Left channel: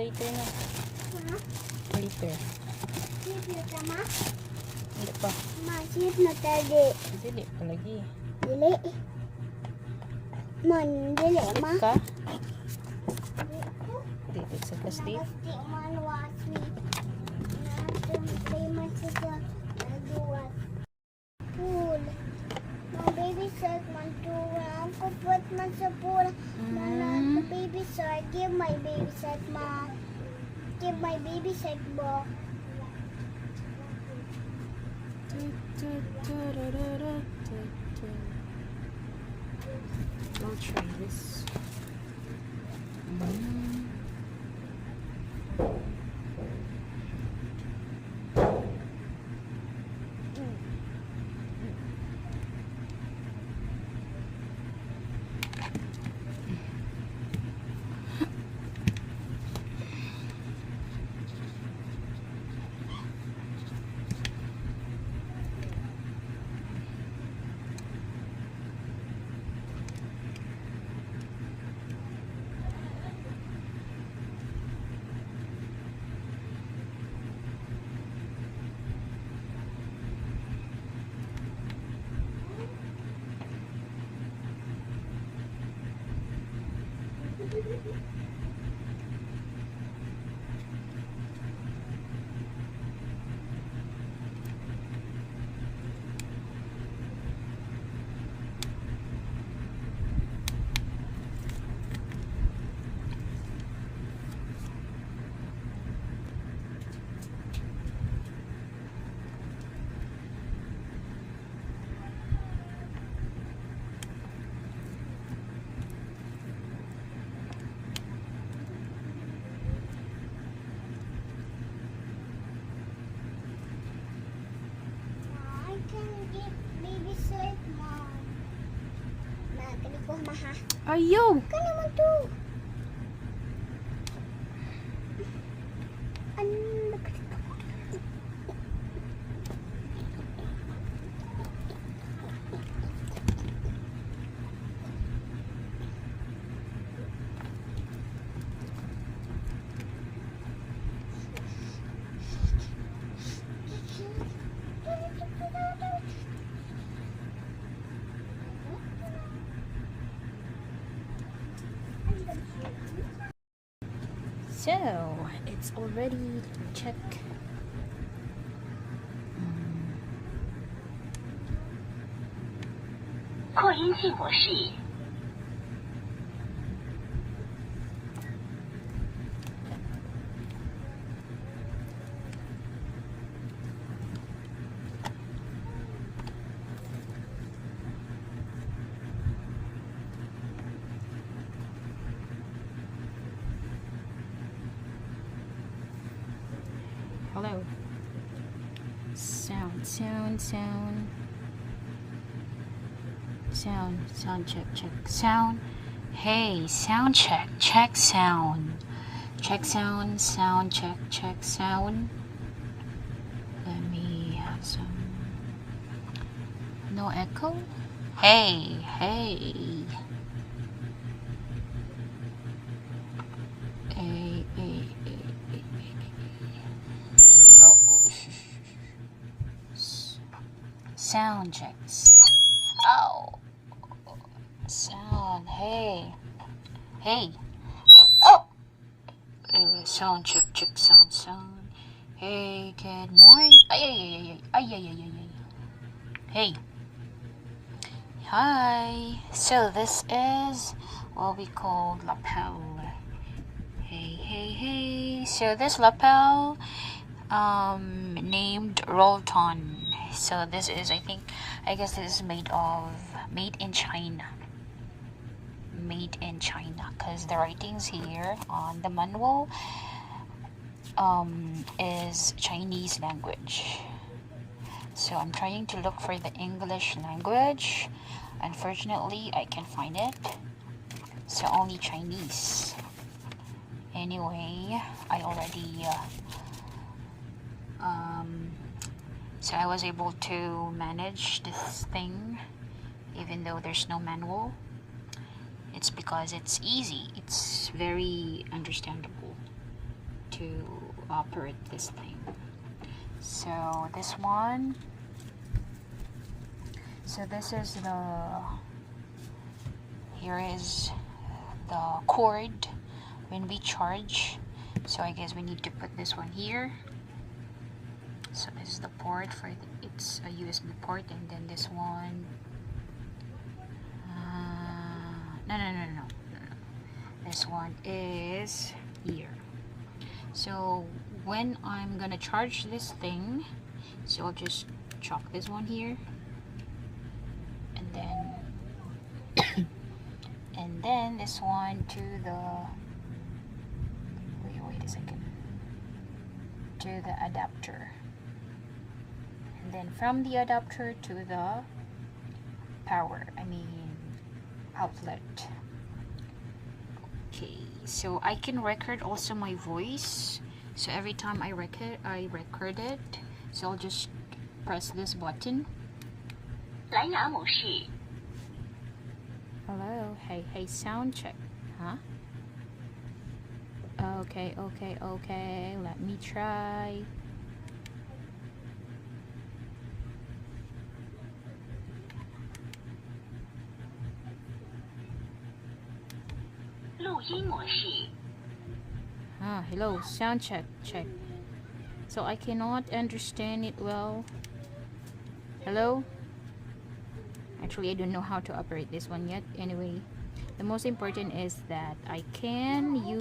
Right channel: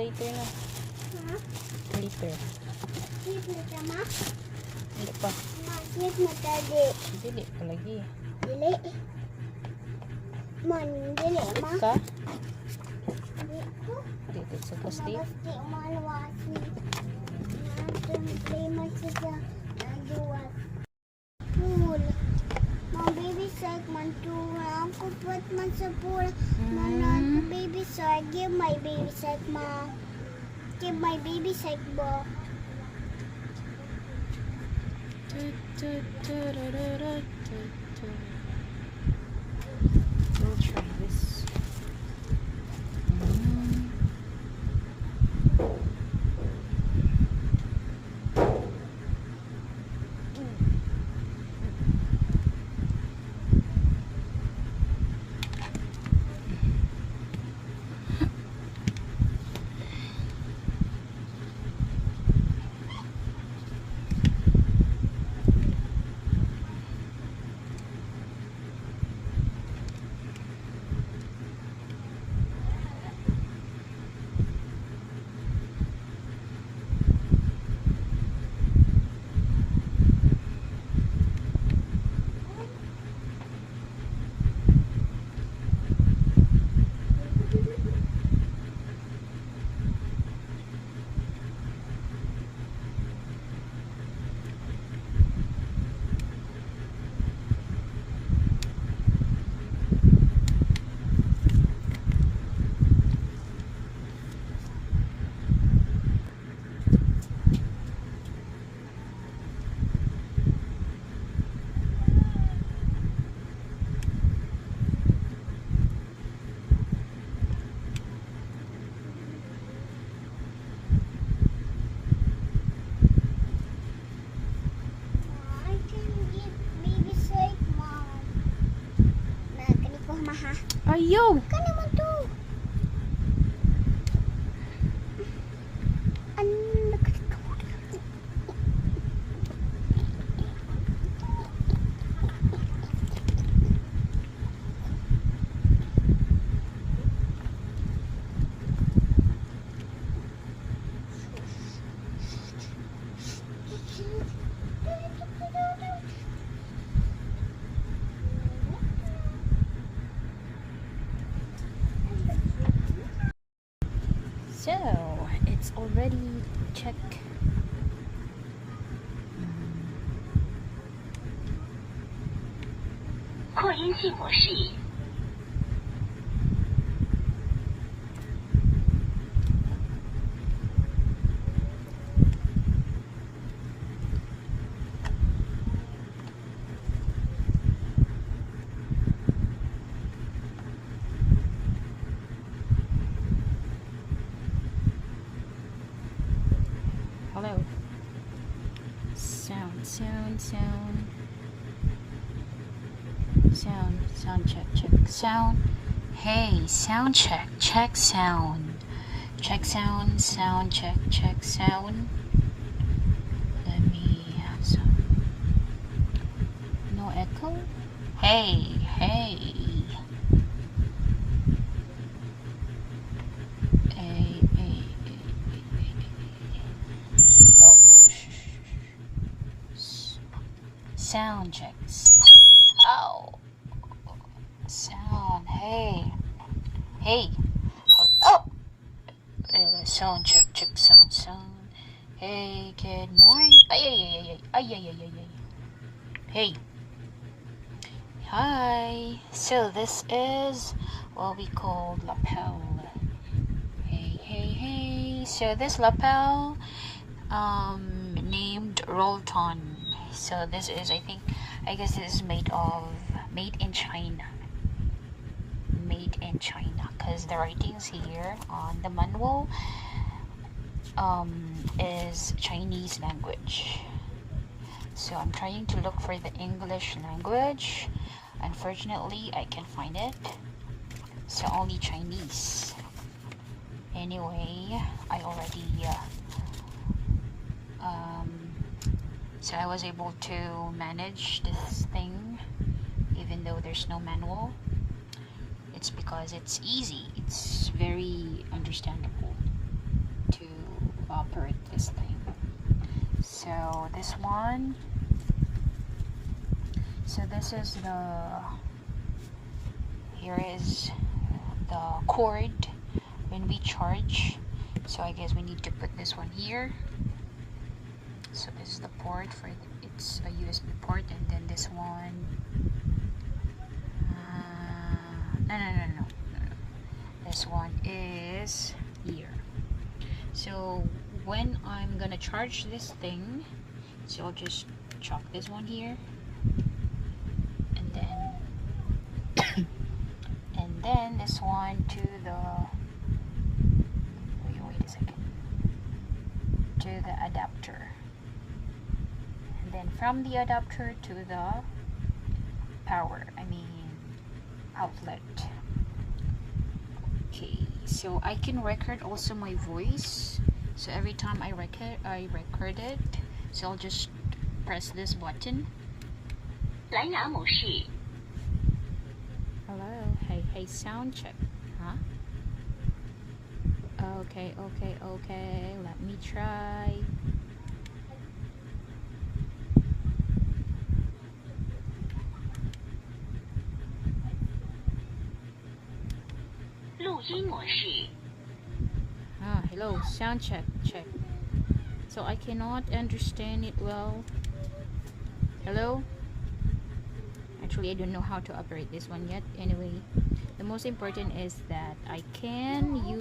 Later na. Later. Sleep na ta, ma? Hindi pa. Ma, sleep na tadi. Dili pa lagi. Dili. Man, dili, ma. Ka? Dili ko. Dili sa ka-sleep. Nagasti, man, watch me. Don't play much of the what? Pool. My baby shark, man, too. Ako put man sa pool. Man, baby shark. Give my baby shark, ma. Give my baby shark, bo. We'll try this. I can get baby shark, mom. Na, kani ko maha. Ayaw! Kani mo to. So, it's already check. Hello. Sound check. Sound. Hey, sound check. Check sound. Check sound check sound. Let me have some. No echo? Hey. Sound checks. Oh. Sound. Hey. Hey. Oh. Sound check. Check. Sound. Sound. Hey. Good morning. Ay, ay, ay, ay, ay, ay, ay, ay, ay. Hey. Hi. So this is what we call lapel. Hey, hey, hey. So this lapel named Rolton. So this is, I guess this is made in China. Made in China, because the writings here on the manual is Chinese language. So I'm trying to look for the English language. Unfortunately, I can't find it. So only Chinese. Anyway, I already so I was able to manage this thing even though there's no manual. It's because it's easy. It's very understandable to operate this thing. So this one, so this is here is the cord when we charge. So I guess we need to put this one here. So this is the port for it's a USB port, and then this one. No. This one is here. So when I'm gonna charge this thing, so I'll just chop this one here, and then and then this one to the wait a second, to the adapter, and then from the adapter to the power, outlet. Okay, so I can record also my voice. So every time I record it. So I'll just press this button. Hello, hey, sound check. Huh? Okay. Let me try. Hello, sound check. So I cannot understand it well. Hello? Actually, I don't know how to operate this one yet. Anyway, the most important is that I can use